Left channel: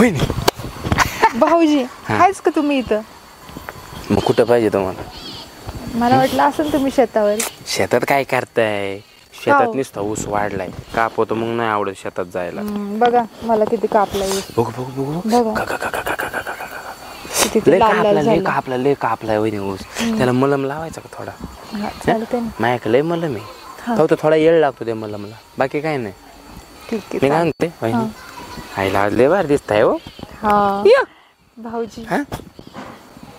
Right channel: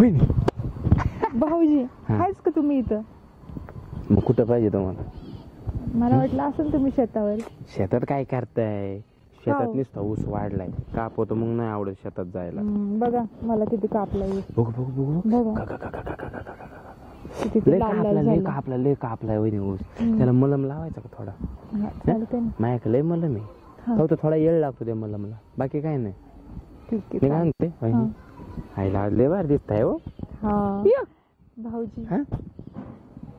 वहिनी भाऊजी आहेच का तुम्ही इथं? मग कुठं पाहिजे तुम्हाला? मला वाटलं असेल तुम्ही शेतावर. शेतात काय करताय? शेतात हो. नुसता ऊस वाढलाय, कापतो मग नाही आवडत शेतात जायला. बघा मला किती कापलाय ऊस. बघू बघू बघू बघा किती ते लय लाल लाल कापला झालं. लय कापलाय वहिनी ऊस. त्याला मलम लावायचा का थोडा? हा, चालतंय ना. माझ्याकडे लय मलम आहे, फक्त थोडा येळ लागतो त्या मलमला, बाकी काय नाही. ठीक आहे मी काय चालेल. म्हणते वहिनी, आईला आज लय भारी दिसताय हो. हा या. भाऊजी हा?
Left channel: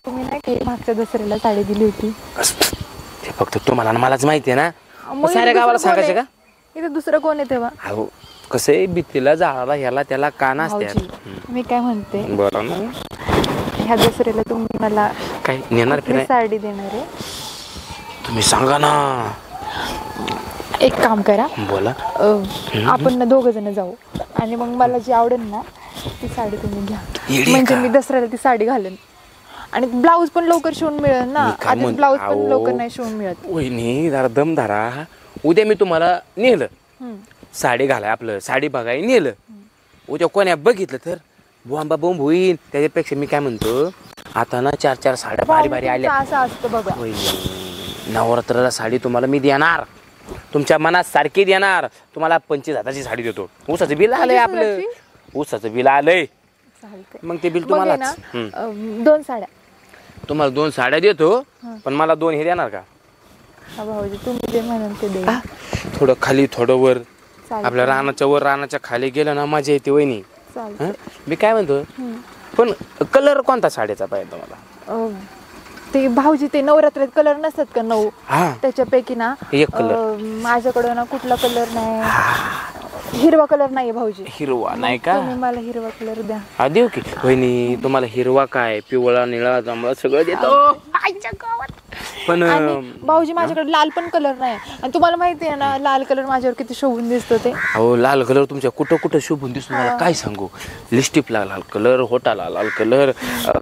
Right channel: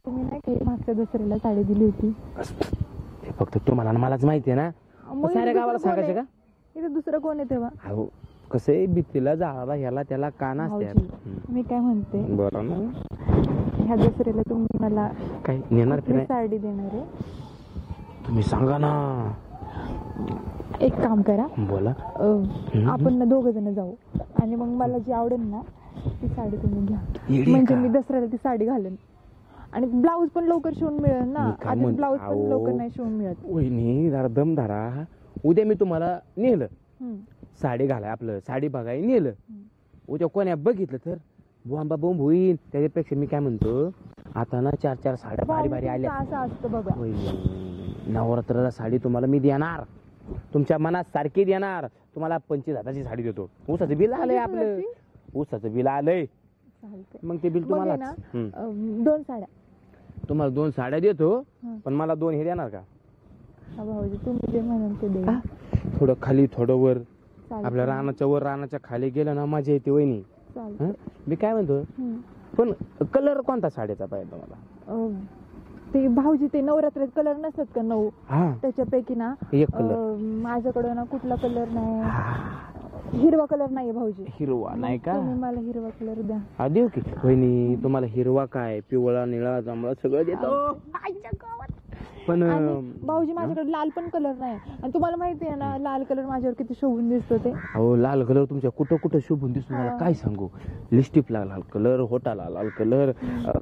तुम्ही नाही काही मागच्या दसऱ्याला साडी दिली होती. ते फक्त तुम्हाला आणि मलाच माहिती आहे ना, मग साऱ्या इथं गावाला दुसरं कोण सांगायचं का? आहे? इथं दुसरं कोण आहे तेव्हा? अहो कसं आहे, भीतीला झाडाला ह्याला त्याला कान भाऊजी असतात. मी काय म्हणते, बरं ना. ह्या दसऱ्याला तुम्ही मला काय नेणार की कुठली नाही साडी देणार आहे? तुम्ही सांगा ना. एक काम करा, बोला. आपण ना 2 जण जाऊ आणि मग मला जी आवडेल ना ती साडी तुम्ही घ्या. येडी म्हणजे का? मी दसऱ्याला ती साडी घालेन आणि ब्लाऊज पण लवकर शिवून मिळेल ना. मी काय आधीच म्हणतो, ब्लाऊज पण अहो. लवकर नाही शिवून मिळत. वहिनी जरा दम धरा. उद्या मी तुम्हाला नेलं हम्म. साडी घालाय, आपलं साडी बघाय नेलं, उद्या कोण्या बघितलं तर बोंबा बोंब होईल. त्याच्यापेक्षा मी काय म्हणतो, आता ना 4 साड्या भारी भारी आल्या. असं असतं बघा. वहिनी नवरात्राला साडी तुम्हाला मी देणार, तुमच्या मनात सारखी देणार. तुम्हाला 25,000ची साडी देतो. ऊसाचं बिल आलंय आपलं, 25,000ची? ऊसाचं बिल आलंय. चालतंय. मग ते बिल मग आहे तुम्हाला ना 2 साड्या. तुम्हाला 2 साड्या देतो, पण मला 2 हे देणार का? हा भाऊजी तुम्ही जे म्हणाल ते देईन. थोडं खाली थोडं वर, चालतंय. आपल्या रानाच्या वर रानाच्या खाली गेलं ना मजा येते वहिनी. चालतंय. हं? मी काय म्हणतो, पण कलर कोणता साडीचा पाहिजे तुम्हाला? ते भाऊजी ते नवरात्रात कलर नसतात का 9, हा त्याच्यापैकी ना एक कलर. माझ्याकडं ना कुठला कलर नाही, हिरवा कलर नाहीये भाऊजी. हिरवा नाही का? तुम्ही मला हिरवा कलर द्या. हा देऊ की वहिनी, तुम्हाला हिरवा काय, पिवळा निळा जांभळा सगळं देतो. पण आणि भाऊजी माझ्याकडे लाल पण कलर नाही, आणि तुम्हाला माहिती आहे ना लाल कलर माझ्यावर किती शोभून दिसतो ते. अहो लाल कलर तुमच्या कुठं कुठं शोभून दिसतो, मला काय सांगू. लिपस्टिकला लाल कलर, होटाला लाल कलर,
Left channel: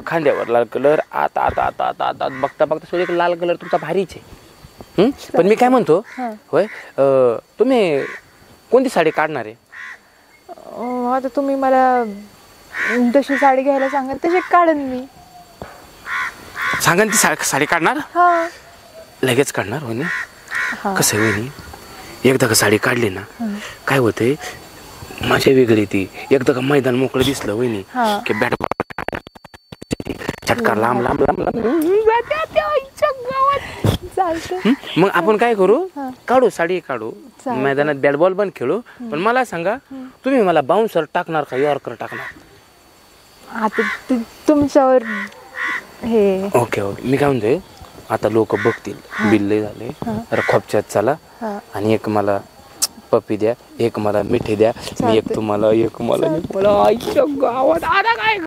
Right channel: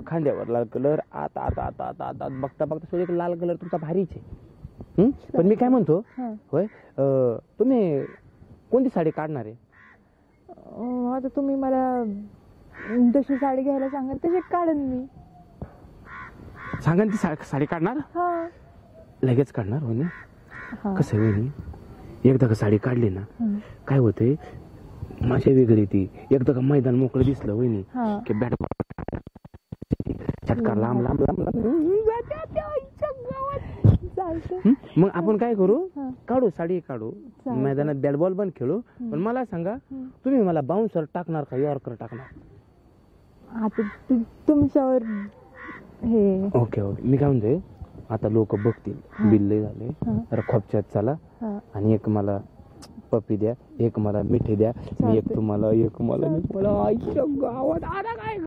खांद्यावर लाल कलर, आता आता आता आता आता बघता बघता सोड एक लाल कलर तुमचा भारीच आहे. पण मी काय म्हणतो, होय तुम्ही कोणती साडी काढणार आहे? आता तुम्ही मला जशी साडी घ्यायला सांगाल तशी काढेन मी. सांगा ना, ती साडी काढणार? हा लगेच काढणार वहिनी? हा. कसं आहे वहिनी, एकदा का साडी काढली ना काय होतंय, मजा वेगळी ती. एकदा का मैदान मोकळं दिसलं वहिनी की बॅट चटका लांब लांब लांब लांब चालतंय. मग आपण काय करू, काढू साडी काढू, चालतंय. मैदानात बॅट बॉल पण खेळू. पण मला सांगा, तुम्ही मला बाउन्सर टाकणार का यॉर्कर टाकणार? आता तुमच्यावर हे. ओके ओके, मी काय म्हणतोय, आता लोक बघतील बिल लय झाले, तर खोपच्यात चला आणि एक मला पप्पी द्या, एक मला मिठी द्या, मी एक तुम्हाला, एक मला, आईच्या गावात आता काय